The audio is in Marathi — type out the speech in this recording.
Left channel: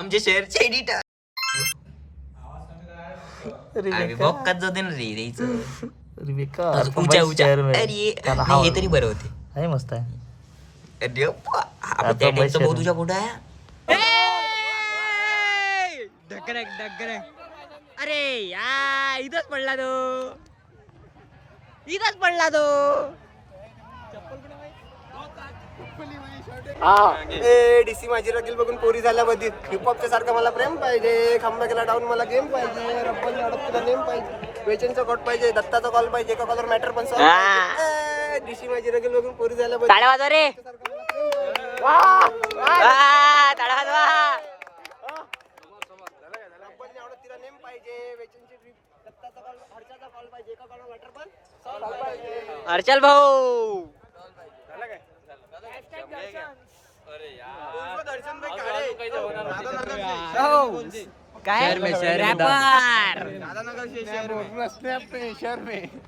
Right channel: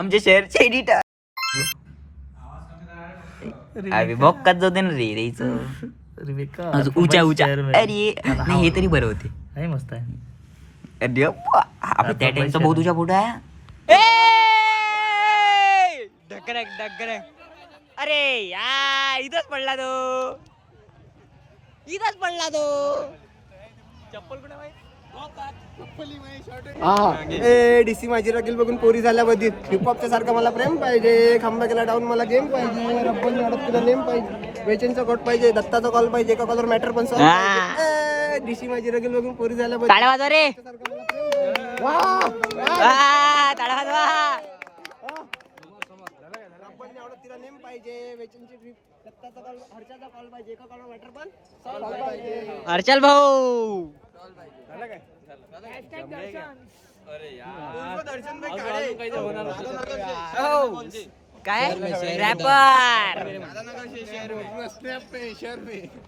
आमच्या शहरचे एडिटर अरे बॉक्कात जाऊ दे ना रे द्यायचं उचा उचा अरे नाही हे तरी बरं होते मस्त आहे. अरे आपण त्या टाइमचा भाऊ तुझ्या पुढे आहे ढकरक ढकरक अरे या इथंच पडला तो चप्पल डीसी माझी राखील बघून पोरी झाल्या बधीत हिपहॉपच्या सारखं मला प्रेम पाहिजे खंबा केला डाऊन मला गेम पाहिजे रब्बोनी अडत तुला नेम पाहिजे वेचनचा कोट पाहिजे दत्ताचा कॉल पाहिजे एका कॉलर मॅटर पण डीसी माझी राखील बघून पोरी झाल्या बधीत टाळ्या वाजवा रे रब्बोनी अडत तिला नेम पाहिजे वेचनची ट्रिप दत्ताचा कॉल हर्षाचा कॉल पाहिजे एका कॉलर मॅटर पण सॉल्व पाहिजे हर्षल भाऊ काय रॅपर शहर में